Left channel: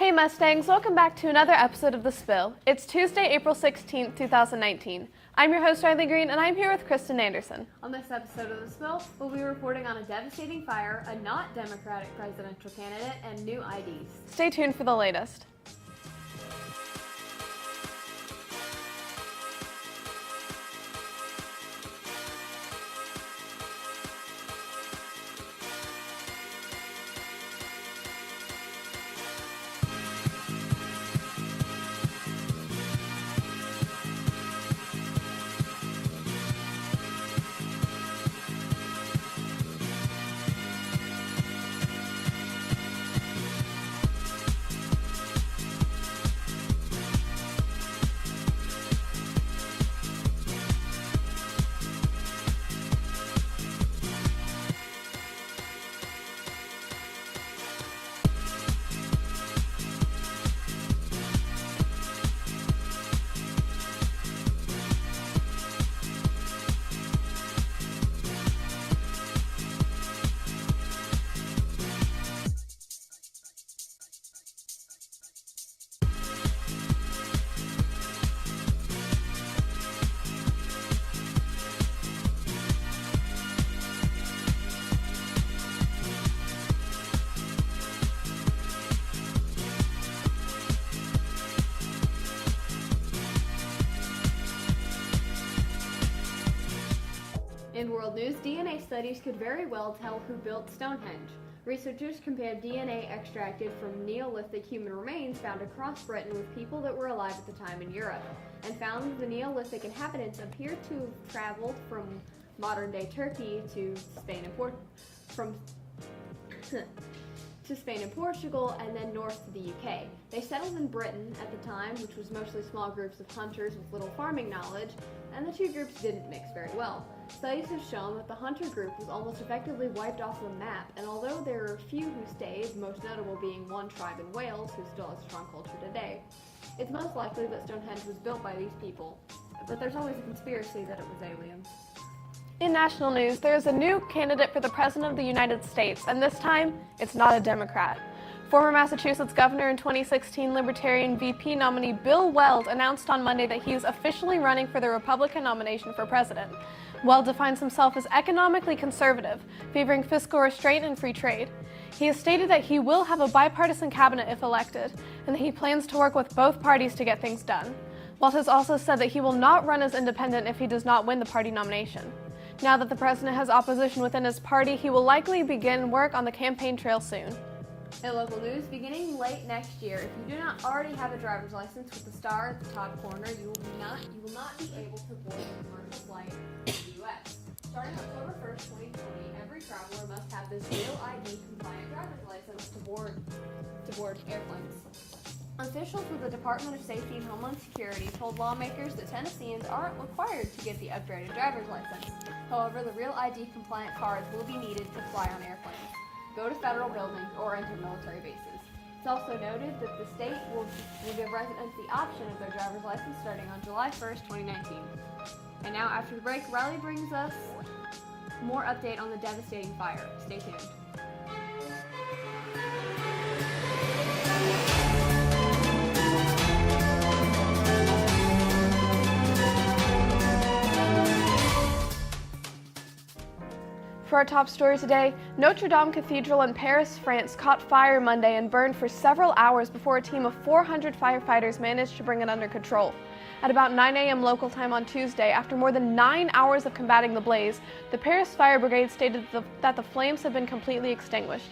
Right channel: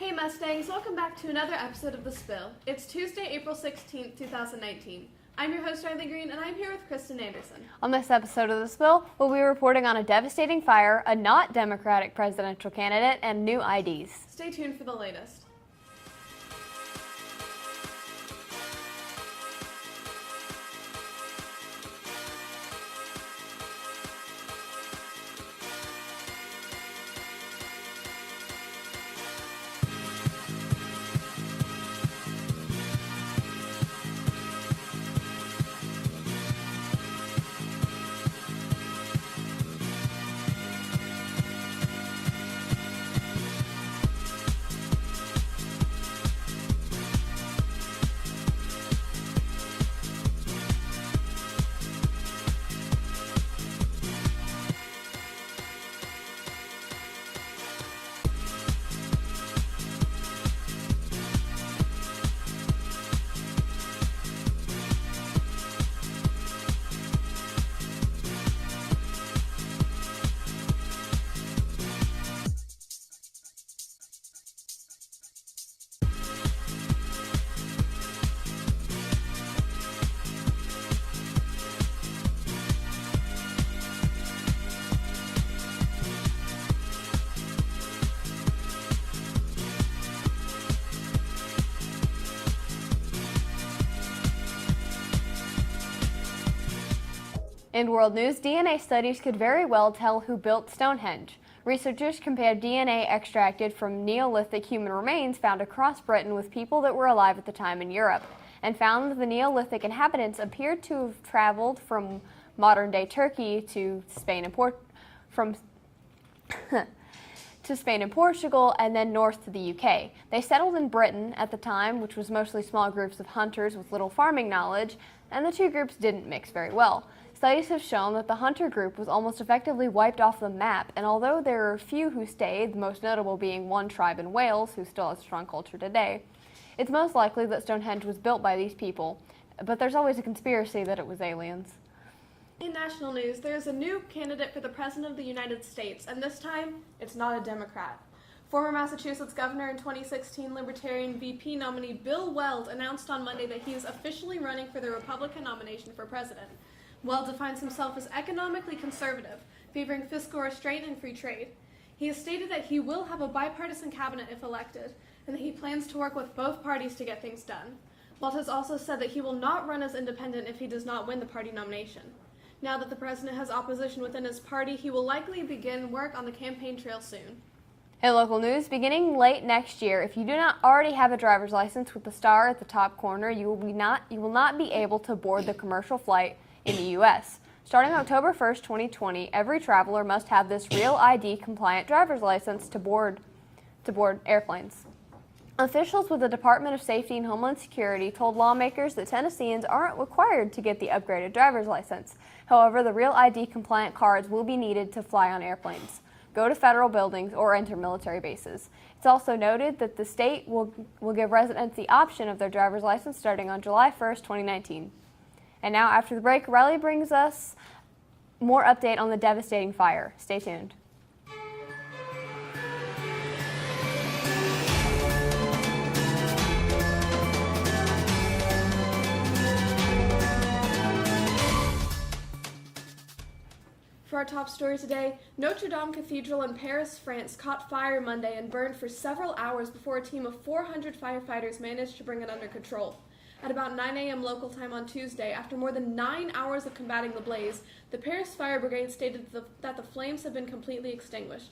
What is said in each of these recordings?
Hey Mustangs, welcome back to another episode of The Spill. It's Tuesday, April 16th, 2019. I'm your host, Riley Green, and I'm here with Kristen Anderson. On this episode of The Spill, we'll be reporting on a devastating fire, a not Democratic presidential candidate, and new IDs. Stay tuned for the latest. In world news, DNA studies could very well tell who built Stonehenge. Researchers compared DNA extracted from Neolithic human remains found across Britain with people that were alive at the time in Europe, and found the Neolithic inhabitants appeared to have traveled from modern-day Turkey to Spain and Portugal, and then north to the UK. They settled in Britain at the time, which was mostly small groups of hunters with little farming knowledge, and the two groups didn't mix very well. Studies have shown that the hunter group was almost effectively wiped off the map, and although there are a few who stayed, the most notable being one tribe in Wales who still has a strong culture today, it's most likely that Stonehenge was built by these people, but there's always a conspiracy that it was aliens. In national news, there is a new candidate for the President of the United States, and this time, it's not a Democrat. Former Massachusetts Governor and 2016 Libertarian VP nominee Bill Weld announced on Monday that he is officially running for the Republican nomination for president. Weld defines himself as economically conservative, favoring fiscal restraint and free trade. He has stated that he will have a bipartisan cabinet if elected, and that he plans to work with both parties to get things done. Weld has also said that he will not run as independent if he does not win the party nomination. Now that the president has opposition within his party, he will likely begin work on the campaign trail soon. In local news, beginning late next year, if you do not already have a driver's license with the star at the top corner, you will not be able to board the commercial flight in the U.S. Starting October 1st, 2020, every traveler must have this Real ID compliant driver's license to board airplanes. Officials with the Department of Safety and Homeland Security told lawmakers that Tennesseans aren't required to get the upgraded driver's license. However, the Real ID compliant cards will be needed to fly on airplanes, go to federal buildings, or enter military bases. It's also noted that the state will give residents the option of their driver's license starting on July 1st, 2019. And now, after the break, Riley brings us more update on the devastating fire. Stay tuned. For our top story today, Notre Dame Cathedral in Paris, France caught fire Monday and burned for several hours before a team of 400 firefighters managed to bring it under control. At about 9 a.m. local time on Tuesday, after more than 9 hours of combating the blaze, the Paris Fire Brigade stated that the flames had been completely extinguished.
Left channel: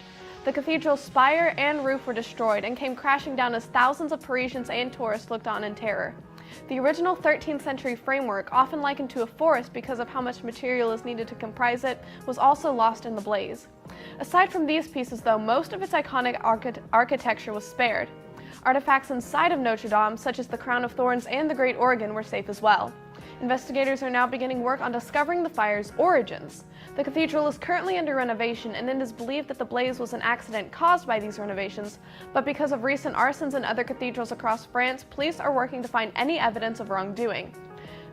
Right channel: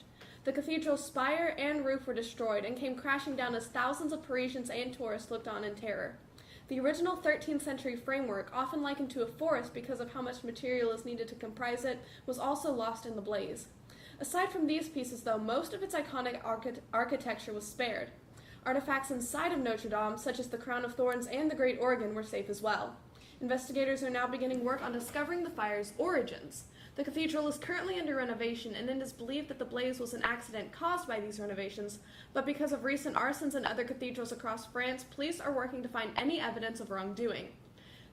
The cathedral's spire and roof were destroyed and came crashing down as thousands of Parisians and tourists looked on in terror. The original 13th century framework, often likened to a forest because of how much material is needed to comprise it, was also lost in the blaze. Aside from these pieces, though, most of its iconic architecture was spared. Artifacts inside of Notre Dame, such as the Crown of Thorns and the Great Organ, were safe as well. Investigators are now beginning work on discovering the fire's origins. The cathedral is currently under renovation, and it is believed that the blaze was an accident caused by these renovations, but because of recent arsons in other cathedrals across France, police are working to find any evidence of wrongdoing.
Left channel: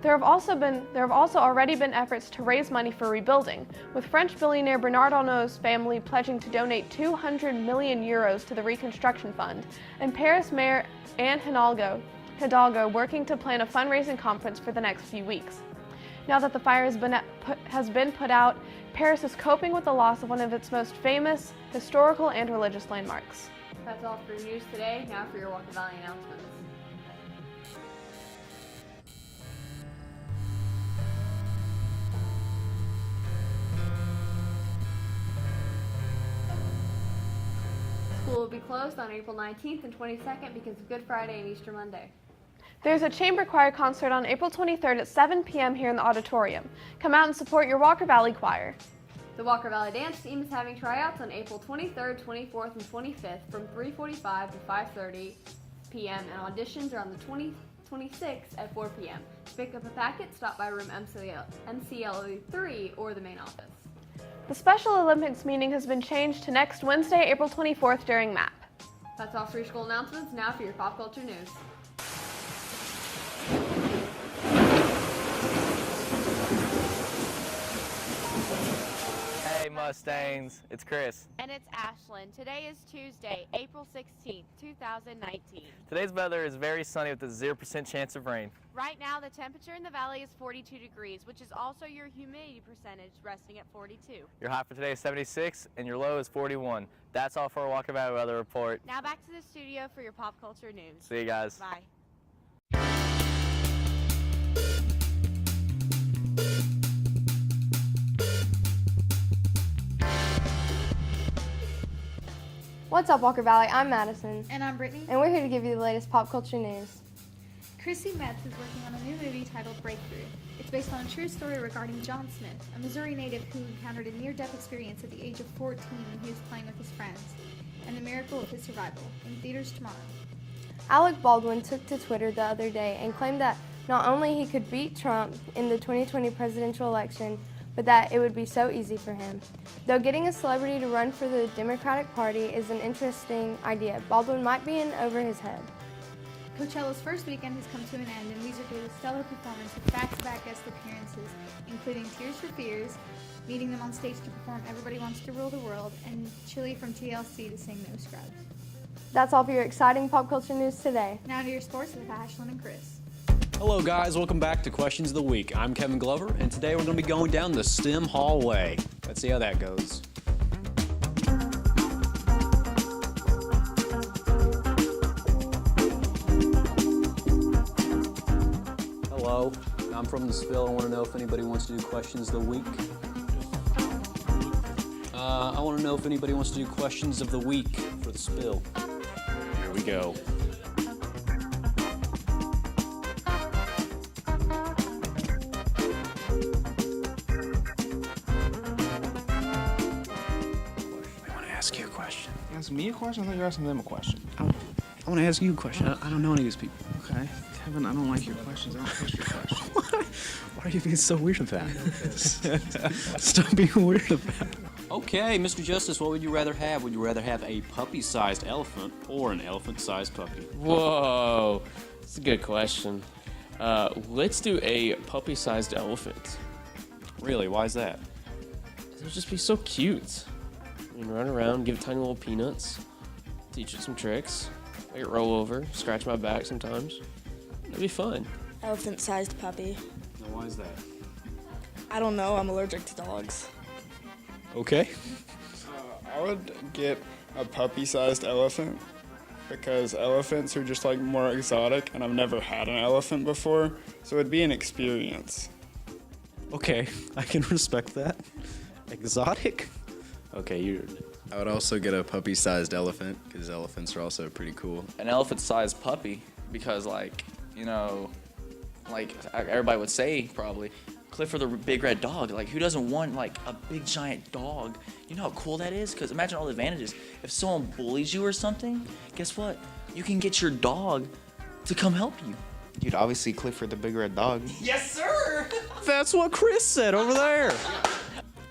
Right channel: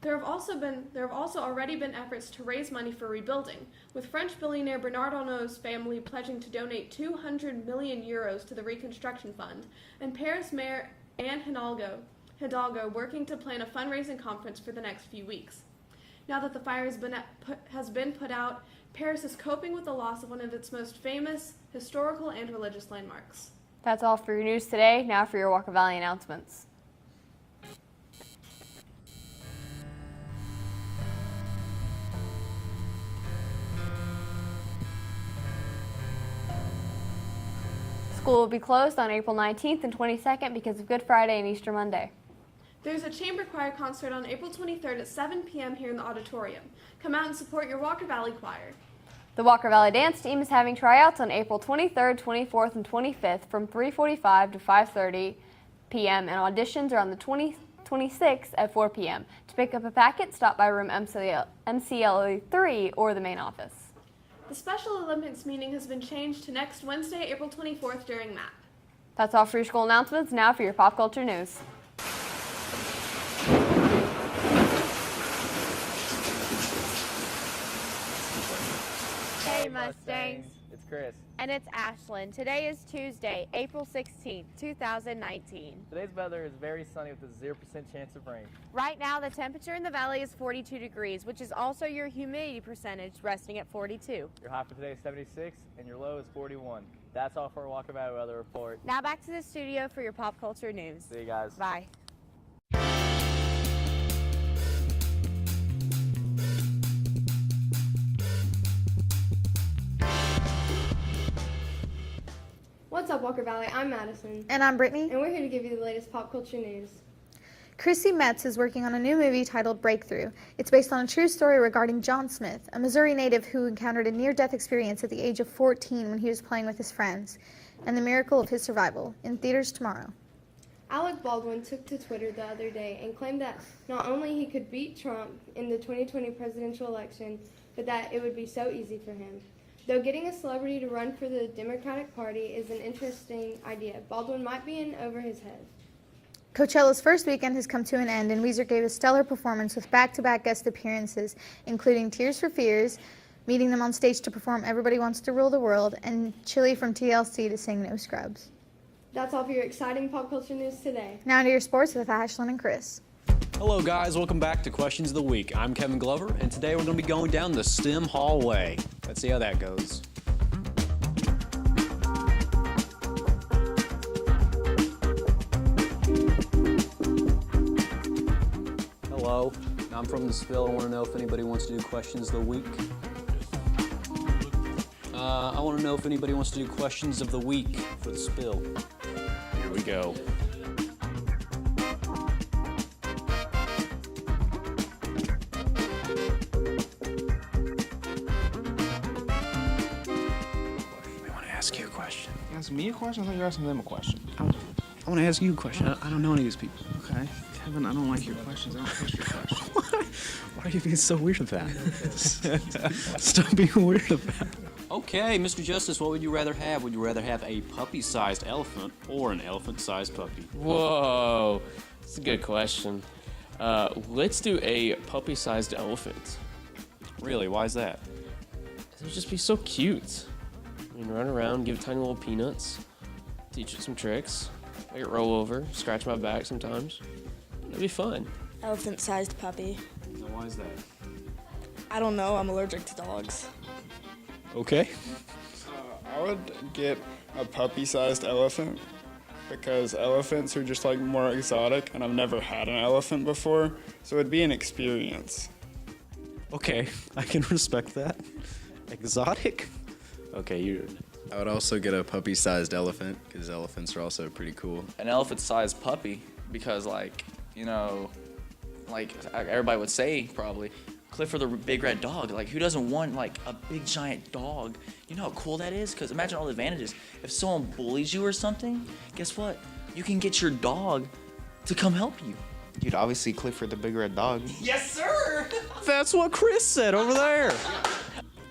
There have also already been efforts to raise money for rebuilding, with French billionaire Bernard Arnault's family pledging to donate 200 million euros to the reconstruction fund, and Paris Mayor Anne Hidalgo working to plan a fundraising conference for the next few weeks. Now that the fire has been put out, Paris is coping with the loss of one of its most famous historical and religious landmarks. That's all for your news today. Now for your Walker Valley announcements. School will be closed on April 19th and 22nd because of Good Friday and Easter Monday. There's a chamber choir concert on April 23rd at 7 p.m. here in the auditorium. Come out and support your Walker Valley Choir. The Walker Valley Dance Team is having tryouts on April 23rd, 24th, and 25th from 3:45 to 5:30 p.m. and auditions are on the 26th at 4 p.m. To pick up a packet, stop by room MCLE 3 or the main office. The Special Olympics meeting has been changed to next Wednesday, April 24th during MAP. That's all for your school announcements. Now for your pop culture news. Hey Mustangs, it's Chris. And it's Ashlyn. Today is Tuesday, April 16th, 2019. Today's weather is very sunny with a 0% chance of rain. Right now, the temperature in the valley is 42 degrees, which is also your humidity percentage resting at 42. Your high for today is 76 and your low is 41. That's all for our Walker Valley weather report. Now back to the studio for your pop culture news. See you guys. Bye. What's up, Walker Valley? I'm Madison. And I'm Brittany. And we're here to give you the latest pop culture news. Chrissy Metz is working on a new movie titled Breakthrough. It's based on a true story regarding John Smith, a Missouri native who encountered a near-death experience at the age of 14 when he was playing with his friends, and the miracle of his survival. In theaters tomorrow. Alec Baldwin took to Twitter the other day and claimed that not only he could beat Trump in the 2020 presidential election, but that it would be so easy for him. Though getting a celebrity to run for the Democratic Party is an interesting idea, Baldwin might be in over his head. Coachella's first weekend has come to an end, and Weezer gave a stellar performance with back-to-back guest appearances, including Tears for Fears, meeting them on stage to perform Everybody Wants to Rule the World, and Chili from TLC to sing No Scrubs. That's all for your exciting pop culture news today. Now to your sports with Ashlyn and Chris. Hello guys, welcome back to Questions of the Week. I'm Kevin Glover, and today we're going to be going down the STEM hallway. Let's see how that goes. Hello, I'm from the Spill. I want to know if anybody wants to do Questions of the Week. I want to know if anybody wants to do Questions of the Week for the Spill. Here we go. Ask you a question. Ask me a question? I thought you were asking them a question. I want to ask you a question. I don't know any of these people. Okay. Kevin, I don't like your questions. I don't trust your questions. Why are you being so weird about it? Stop being weird about it. Okay, Mr. Justice, what would you rather have? Would you rather have a puppy-sized elephant or an elephant-sized puppy? Whoa, that's a good question. Let's do a puppy-sized elephant. Really? Why is that? It'll just be so cute. I mean, run around, give it tiny little peanuts, teach it some tricks, make it roll over, scratch my back sometimes. It'd be fun. Elephant-sized puppy. Now, why is that? I don't know. I'm allergic to dogs. Okay. I would get a puppy-sized elephant because elephants are just like more exotic, and I've never had an elephant before, so it'd be an experience. Okay, I can respect that. Exotic? Okay, I would also get a puppy-sized elephant because elephants are also pretty cool. An elephant-sized puppy because, like, you know, like everybody would say probably, Clifford the Big Red Dog. Like, who doesn't want, like, a big giant dog? You know how cool that is? Because imagine all the advantages. If someone bullies you or something, guess what? You can get your dog to come help you. Dude, obviously Clifford the Big Red Dog. Yes, sir! That's what Chris said over there.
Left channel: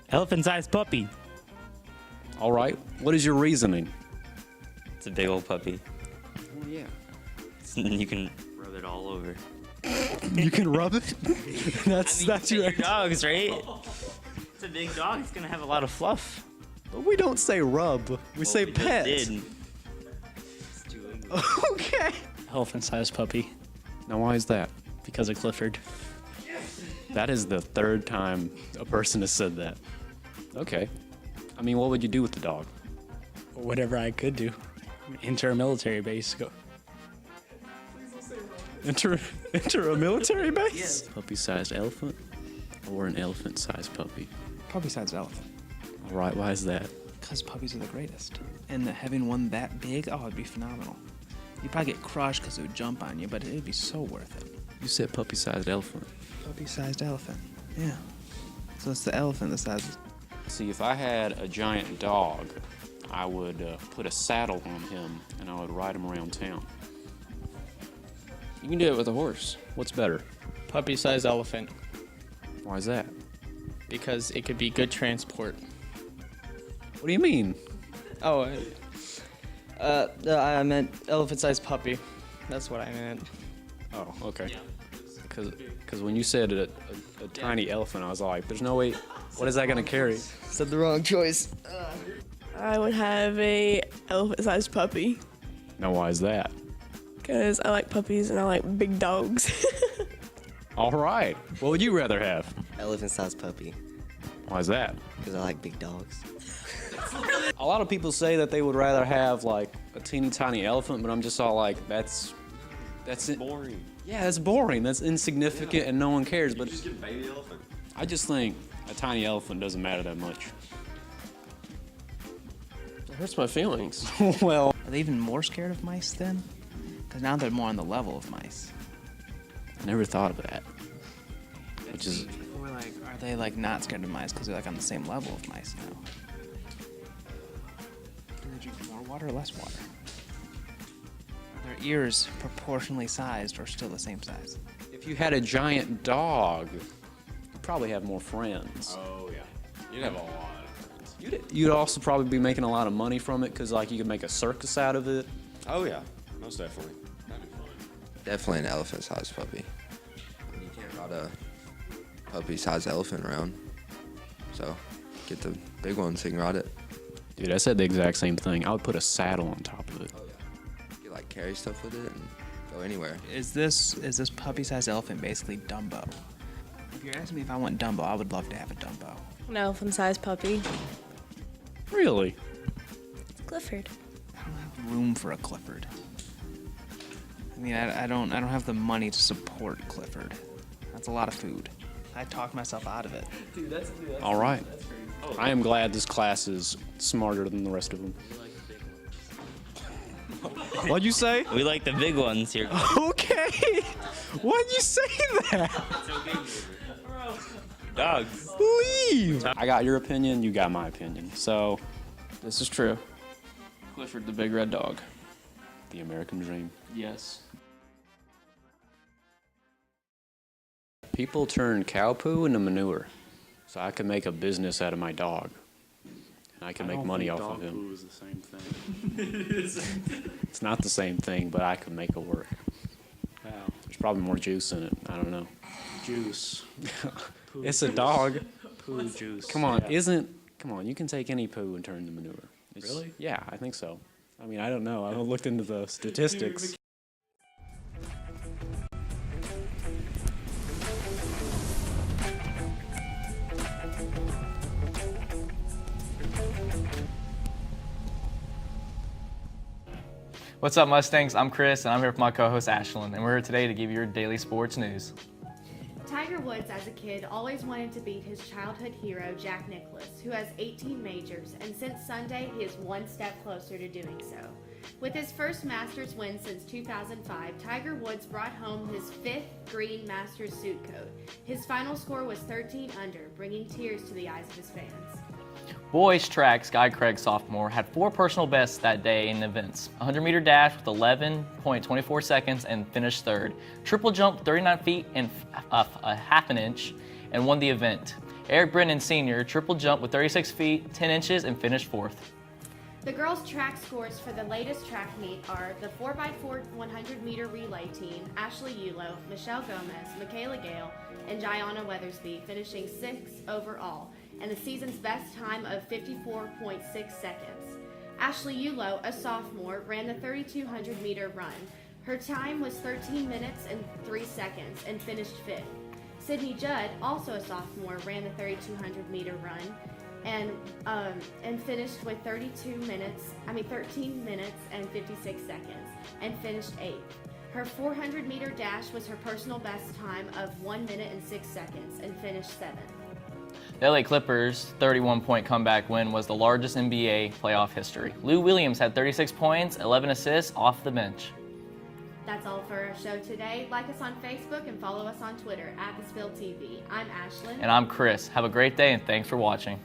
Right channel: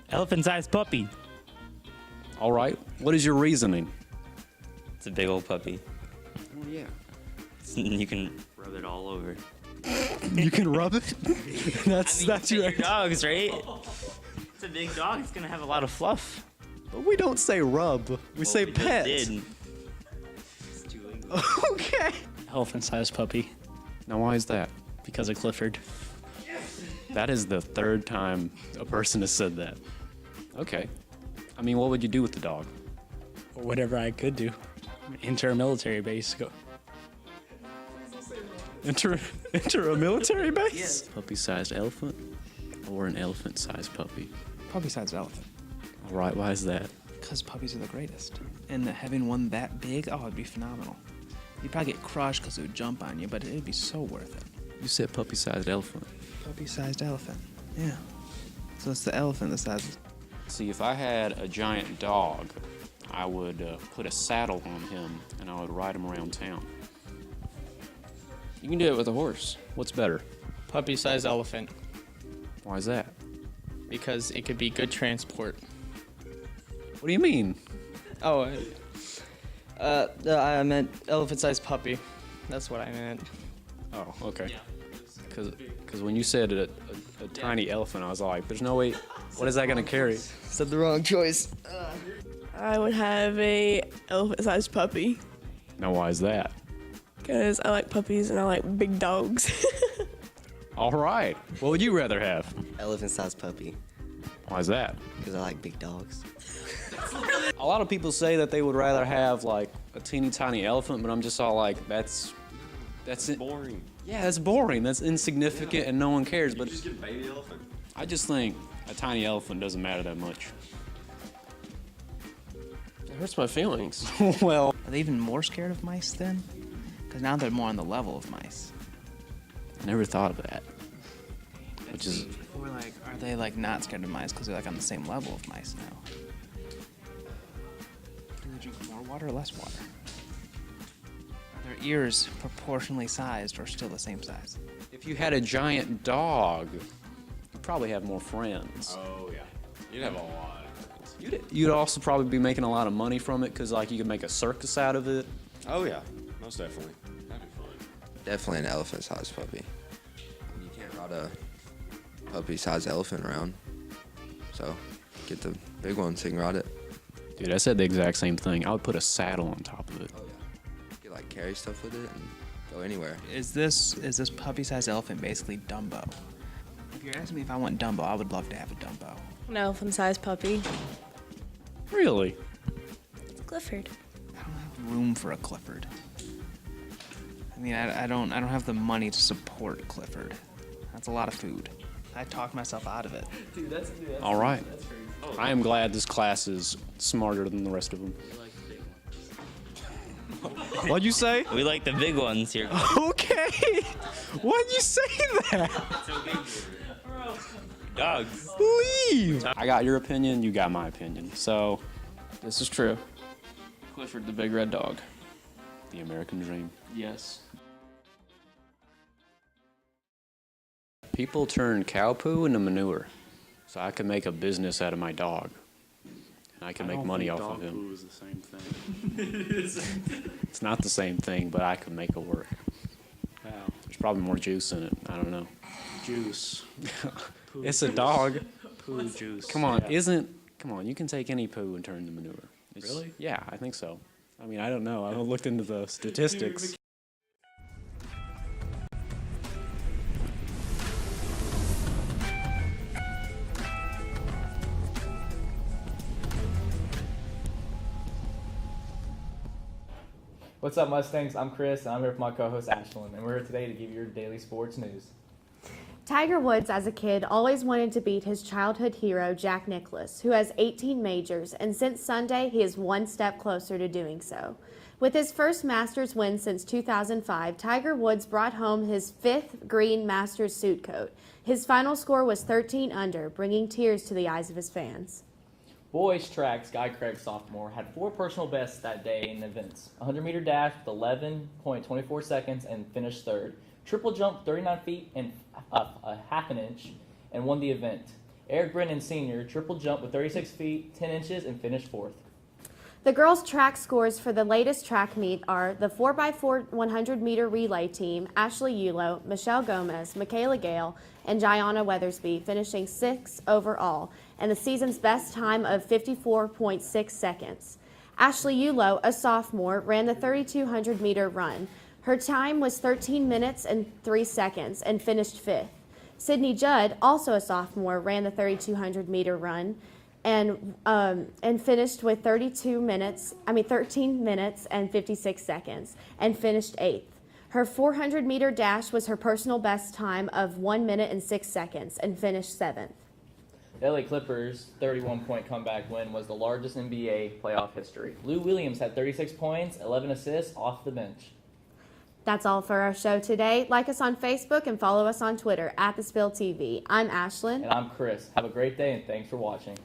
Elephant-sized puppy. All right, what is your reasoning? It's a big old puppy. Oh, yeah. You can rub it all over. You can rub it? That's your dogs, right? It's a big dog. It's gonna have a lot of fluff. But we don't say rub. We say we just pet. did. Okay. Elephant-sized puppy. Now, why is that? Because of Clifford. That is the third time a person has said that. Okay. I mean, what would you do with the dog? Whatever I could do. Enter a military base. Go. Enter a military base? Yes. Puppy-sized elephant or an elephant-sized puppy? Puppy-sized elephant. All right, why is that? Because puppies are the greatest. And having one that big, oh, it'd be phenomenal. You'd probably get crushed because it would jump on you, but it'd be so worth it. You said puppy-sized elephant. Puppy-sized elephant. Yeah. So it's the elephant the size. See, if I had a giant dog, I would put a saddle on him and I would ride him around town. You can do it with a horse. What's better? Puppy-sized elephant. Why is that? Because it could be good transport. What do you mean? Oh, I meant elephant-sized puppy. That's what I meant. Oh, okay. Because when you said a tiny elephant, I was like, there's no way. What is that going to carry? Said the wrong choice. I would have a elephant-sized puppy Now, why is that? because I like puppies and I like big dogs. All right. What would you rather have? Elephant-sized puppy. Why is that? Because I like big dogs. A lot of people say that they would rather have like a teeny tiny elephant, but I'm just all like, that's it. Boring. Yeah, that's boring. That's insignificant, and no one cares. But just get a baby elephant. I just think a tiny elephant doesn't matter that much. It hurts my feelings. Well, Are they even more scared of mice then? Because now they're more on the level of mice. I never thought of that. Which is, Or like, are they like not scared of mice because they're like on the same level of mice now? Do they drink more water or less water? Are their ears proportionally sized or still the same size? if you had a giant dog, you'd probably have more friends. Oh yeah, you'd have a lot of friends. You'd also probably be making a lot of money from it because like you could make a circus out of it. Oh yeah, most definitely. That'd be fun. Definitely an elephant-sized puppy. You can't ride a puppy-sized elephant around. So get the big one so you can ride it. Dude, I said the exact same thing. I would put a saddle on top of it. Oh yeah. You could like carry stuff with it and go anywhere. Is this puppy-sized elephant basically Dumbo? If you're asking me if I want Dumbo, I would love to have a Dumbo. An elephant-sized puppy. Really? Clifford. I don't have room for a Clifford. I mean, I don't have the money to support Clifford. That's a lot of food. I talked myself out of it. Dude, that's All right. I am glad this class is smarter than the rest of them. What'd you say? We like the big ones here. Okay. Why'd you say that? Dogs. Leave. I got your opinion. You got my opinion. So, This is true. Clifford the big red dog. the American dream. Yes. People turn cow poo into manure, so I can make a business out of my dog, and I can make money off of him. Dog poo is the same thing. It's not the same thing, but I can make it work. Wow. There's probably more juice in it. I don't know. Juice. It's a dog. Poo juice. Come on, Yeah. Come on, you can take any poo and turn it into manure. Really? Yeah, I think so. I mean, I don't know. I haven't looked into the statistics. What's up, Mustangs? I'm Chris, and I'm here with my co-host Ashlyn, and we're here today to give you your daily sports news. Tiger Woods, as a kid, always wanted to beat his childhood hero, Jack Nicklaus, who has 18 majors, and since Sunday, he is one step closer to doing so. With his first Masters win since 2005, Tiger Woods brought home his 5th green Masters suit coat. His final score was 13 under, bringing tears to the eyes of his fans. Boys track, Sky Craig sophomore, had 4 personal bests that day in events. 100-meter dash with 11.24 seconds and finished 3rd. Triple jump 39 feet and a half an inch and won the event. Eric Brennan Sr. triple jump with 36 feet 10 inches and finished 4th. The girls' track scores for the latest track meet are the 4x4 100-meter relay team, Ashley Yulo, Michelle Gomez, Michaela Gale, and Gianna Weathersby, finishing 6th overall, and the season's best time of 54.6 seconds. Ashley Yulo, a sophomore, ran the 3,200-meter run. Her time was 13 minutes and 3 seconds and finished 5th. Sydney Judd, also a sophomore, ran the 3,200-meter run and finished with 13 minutes and 56 seconds and finished 8th. Her 400-meter dash was her personal best time of 1 minute and 6 seconds and finished 7th. The LA Clippers' 31-point comeback win was the largest NBA playoff history. Lou Williams had 36 points, 11 assists off the bench. That's all for our show today. Like us on Facebook and follow us on Twitter @TheSpillTV. I'm Ashlyn. And I'm Chris. Have a great day and thanks for watching.